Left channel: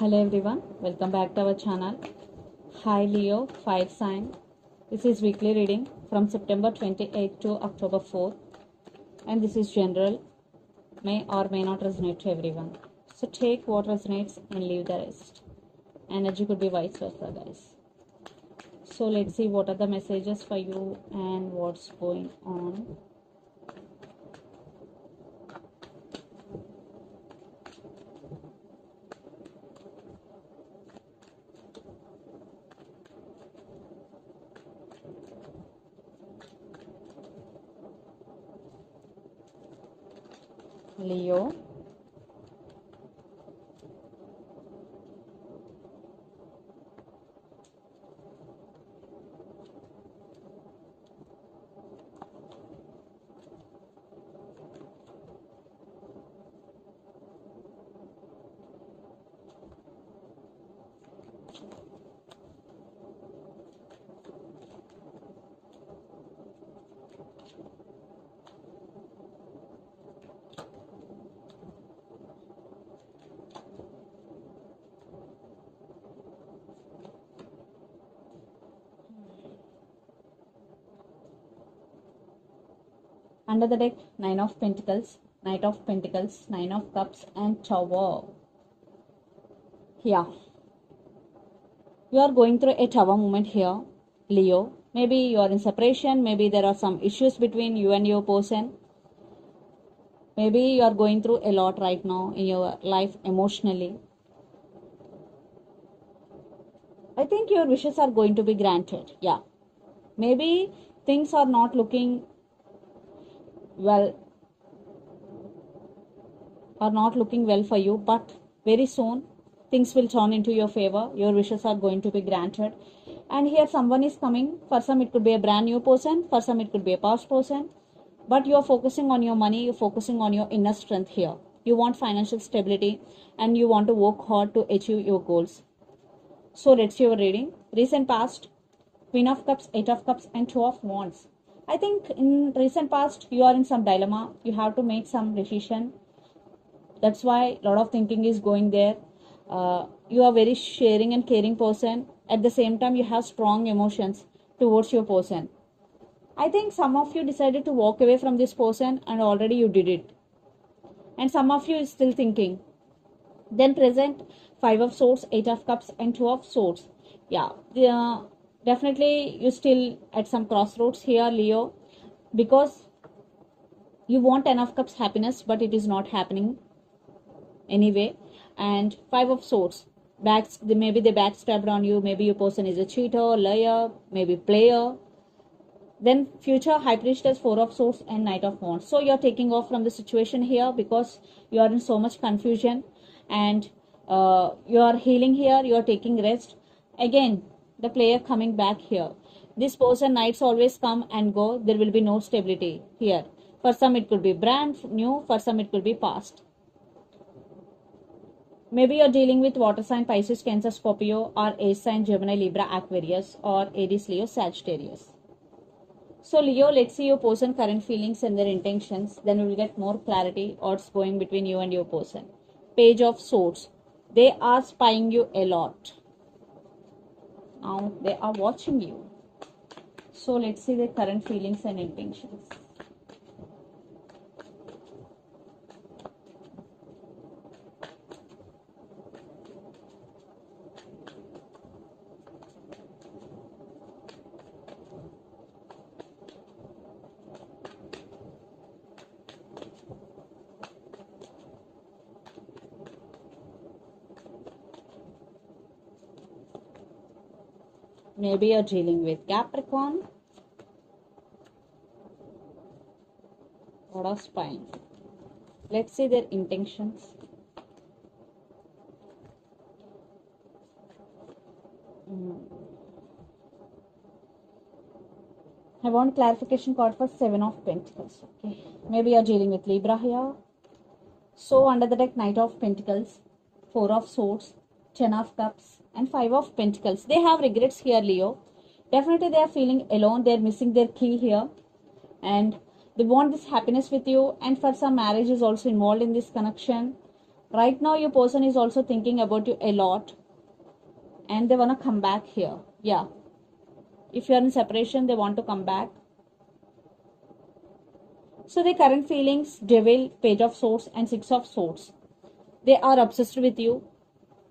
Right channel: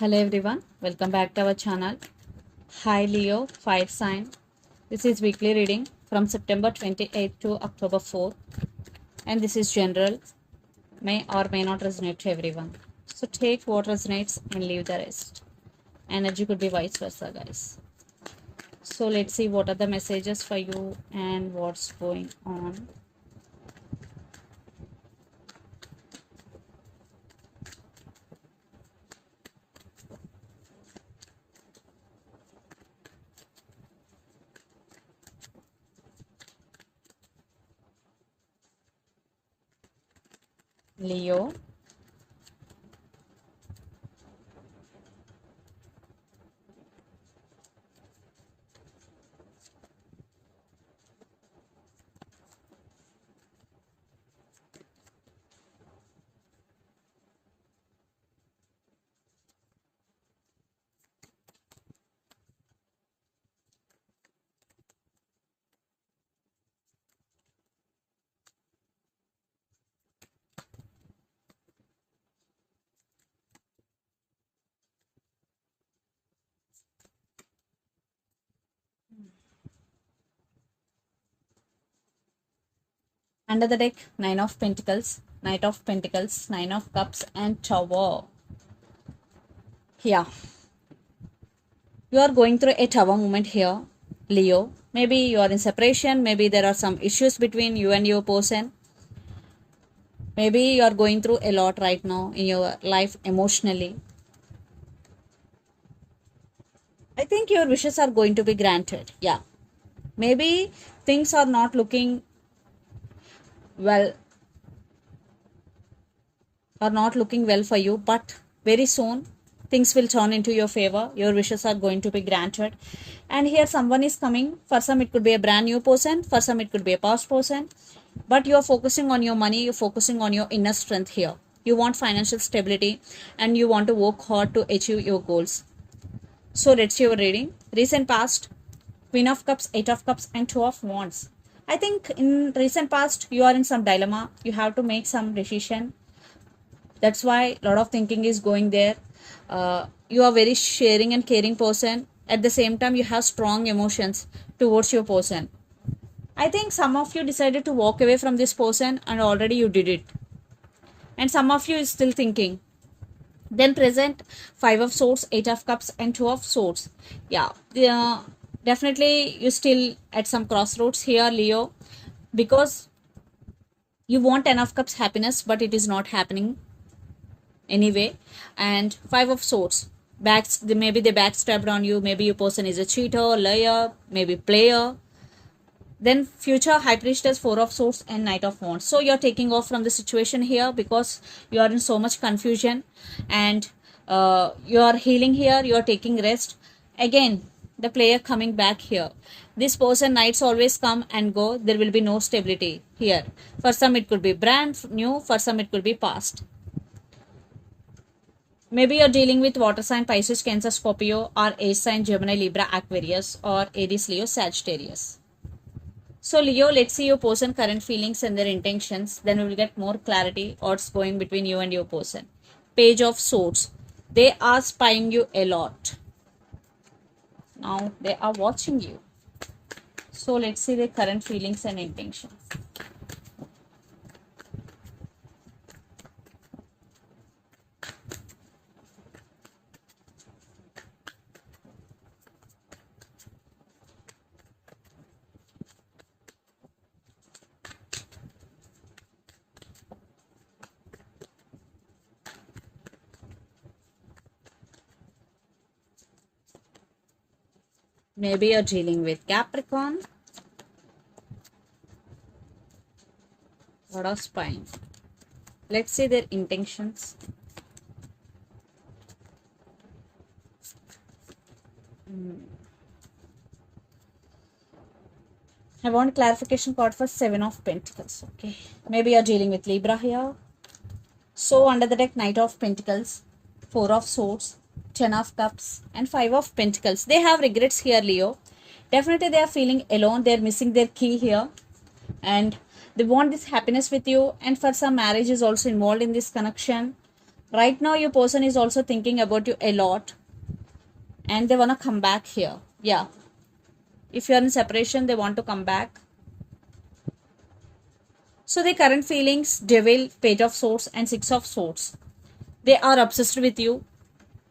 Hello everyone, welcome back to our channel. Hi Leo, fire sign. This is weekly reading from September 28th to October 4th, and this is general, may or may not resonate to everyone. So take what resonates and leave the rest. Energy could be vice versa, guys. So let's see what are the messages for you and what's going on. Leo, under the deck, Nine of Pentacles, Knight of Pentacles, Nine of Cups, and Tower. Yeah, you are going through a tower moment here, Leo. Maybe you are in separation, maybe there are some issues between you and your person. Maybe you are going through a lot right now in your life emotionally. I think your wishes are going to be granted. Yeah. Maybe things are not looking well for you, but very soon things will turn into your favor. Your wishes are going to be granted. And here someone is coming. For some it could be a brand new person, for some it could be a past person, but you're focusing on your money, you're focusing on your inner strength here. You want financial stability and you want to work hard to achieve your goals. So let's see your reading. Recent past, Queen of Cups, Eight of Cups, and Two of Wands. I think in recent past you are in some dilemma. You have to make some decision. That's why a lot of thinking is going there. You are very sharing and caring person. At the same time, you have strong emotions towards your person. I think some of you decided to walk away from this person and already you did it. And some of you is still thinking. Then present Five of Swords, Eight of Cups, and Two of Swords. Yeah, definitely you still at some crossroads here, Leo, because you want Ten of Cups happiness, but it is not happening anyway. And Five of Swords, maybe they backstabbed on you, maybe your person is a cheater, liar, maybe player. Then future High Priestess, Four of Swords, and Knight of Wands. So you're taking off from the situation here because you are in so much confusion, and you're healing here, you're taking rest. Again, the player coming back here. This person, knights always come and go. There will be no stability here. For some it could be brand new, for some it could be past. Maybe you're dealing with water sign, Pisces, Cancer, Scorpio, or air sign, Gemini, Libra, Aquarius, or Aries, Leo, Sagittarius. So Leo, let's see your person current feelings and their intentions. Then we will get more clarity what's going between you and your person. Page of Swords. They are spying you a lot. Now they are watching you. So let's see their current feelings and intentions. Maybe you're dealing with Capricorn. What of spine? Let's see their intentions. I want clarification card for Seven of Pentacles. Okay. Maybe you're dealing with Libra here. So under the deck, Knight of Pentacles, Four of Swords, Ten of Cups, and Five of Pentacles. They have regrets here, Leo. Definitely they are feeling alone. They're missing their key here. And they want this happiness with you. And for some, marriage is also involved in this connection. Right now your person is also thinking about you a lot, and they want to come back here. Yeah, if you're in separation, they want to come back. So the current feelings, devil, page of swords and six of swords, they are obsessed with you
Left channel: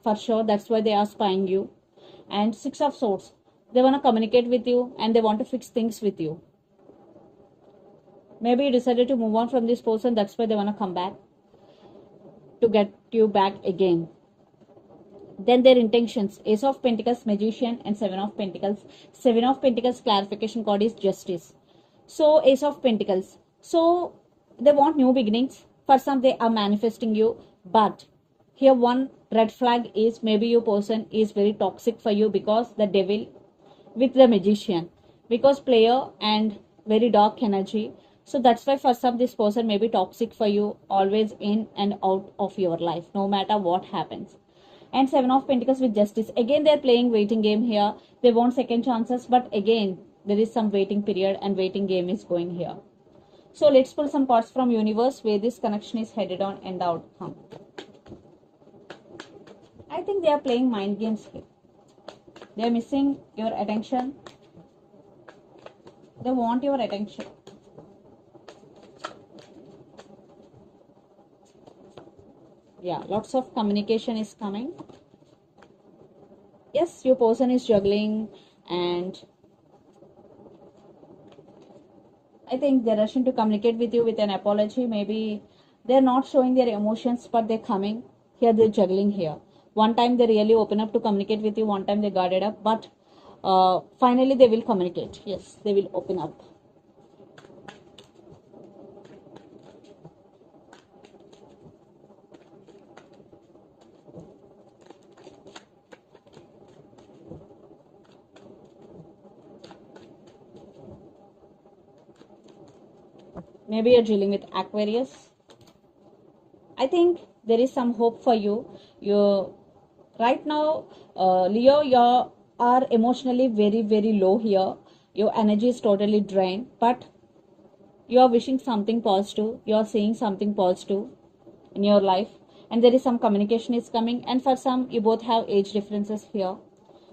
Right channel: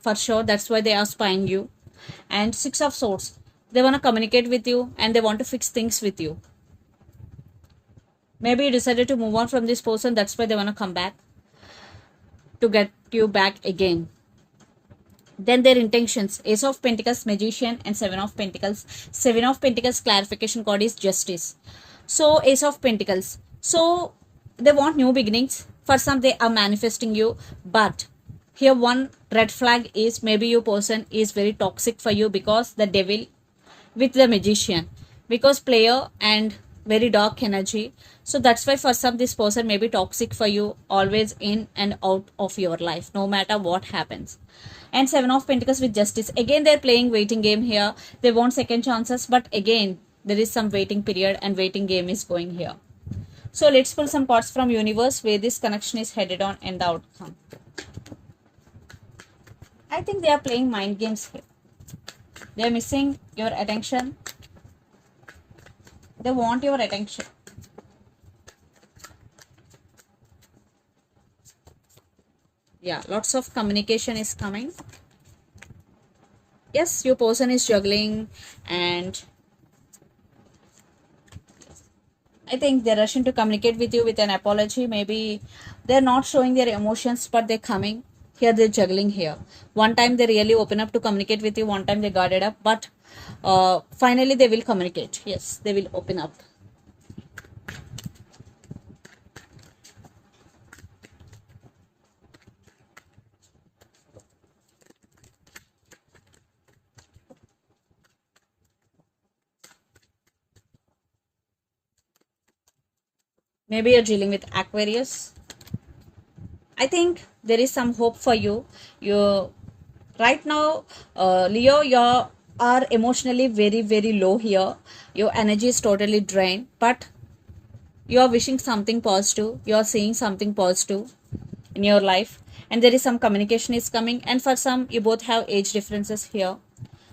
for sure. That's why they are spying you. And six of swords, they want to communicate with you and they want to fix things with you. Maybe you decided to move on from this person. That's why they want to come back to get you back again. Then their intentions, ace of pentacles, magician and seven of pentacles. Seven of pentacles clarification card is justice. So ace of pentacles, so they want new beginnings. For some they are manifesting you, but here one red flag is maybe your person is very toxic for you, because the devil with the magician, because player and very dark energy. So that's why for some this person may be toxic for you, always in and out of your life no matter what happens. And seven of pentacles with justice, again they're playing waiting game here. They want second chances, but again there is some waiting period and waiting game is going here. So let's pull some cards from universe where this connection is headed on and the outcome. I think they are playing mind games here. They are missing your attention. They want your attention. Yeah, lots of communication is coming. Yes, your person is juggling, and I think they're rushing to communicate with you with an apology. Maybe they're not showing their emotions, but they're coming. Here they're juggling here. One time they really open up to communicate with you. One time they guarded up. But finally they will communicate. Yes, they will open up. Maybe you're dealing with Aquarius. I think there is some hope for you. You right now, Leo, you are emotionally very, very low here. Your energy is totally drained, but you are wishing something positive. You are seeing something positive in your life, and there is some communication is coming. And for some, you both have age differences here.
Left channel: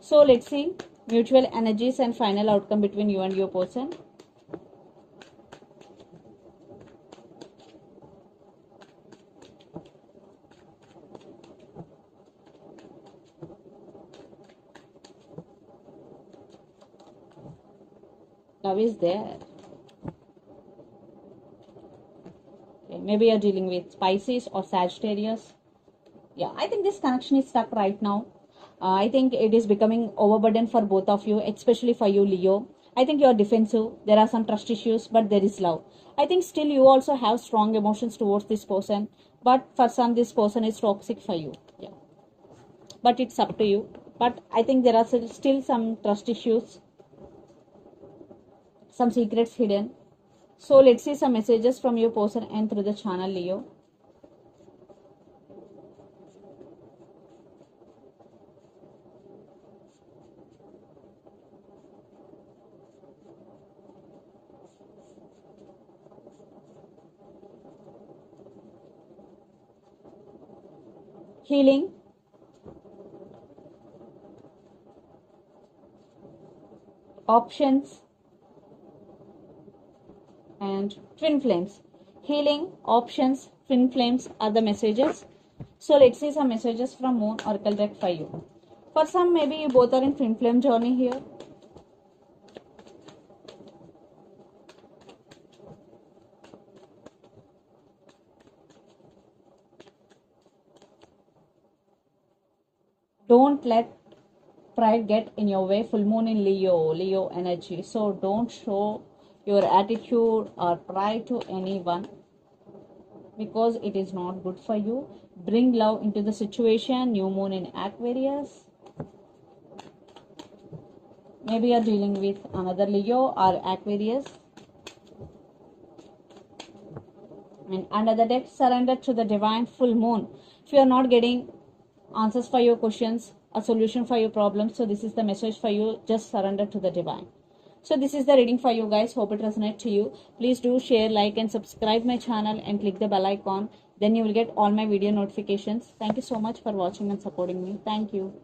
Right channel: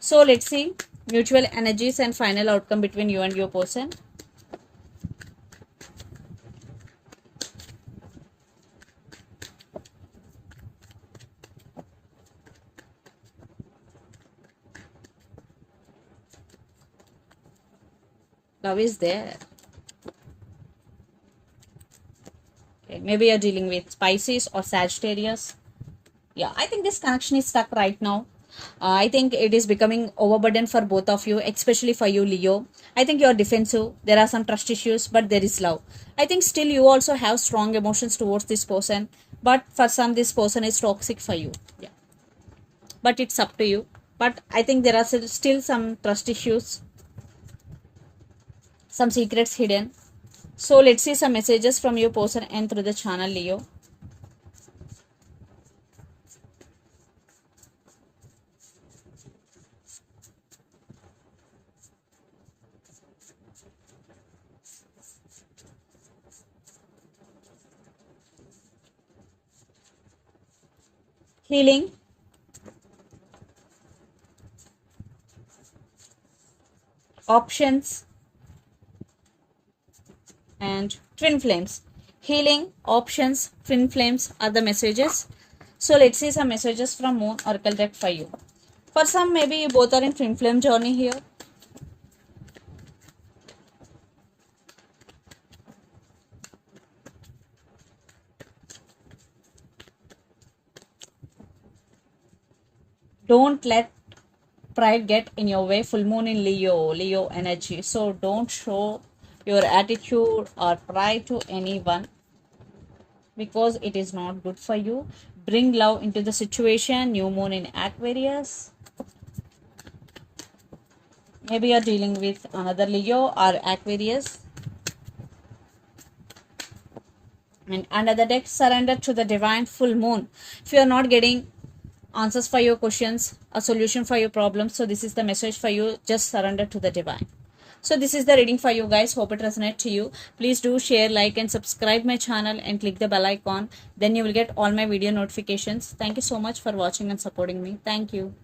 So let's see mutual energies and final outcome between you and your person. Love is there. Okay, maybe you're dealing with Pisces or Sagittarius. Yeah, I think this connection is stuck right now. I think it is becoming overburdened for both of you, especially for you, Leo. I think you're defensive. There are some trust issues, but there is love. I think still you also have strong emotions towards this person, but for some, this person is toxic for you. Yeah, but it's up to you. But I think there are still some trust issues, some secrets hidden. So let's see some messages from your person and through the channel, Leo. Healing, options, and twin flames. Healing, options, twin flames are the messages. So let's see some messages from Moon Oracle deck for you. For some, maybe you both are in twin flame journey here. Don't let pride get in your way. Full moon in Leo energy. So don't show your attitude or pride to anyone, because it is not good for you. Bring love into the situation. New moon in Aquarius. Maybe you're dealing with another Leo or Aquarius. And under the deck, surrender to the divine. Full moon. If you are not getting answers for your questions, a solution for your problems, so this is the message for you. Just surrender to the divine. So this is the reading for you guys. Hope it resonates to you. Please do share, like and subscribe my channel and click the bell icon. Then you will get all my video notifications. Thank you so much for watching and supporting me. Thank you.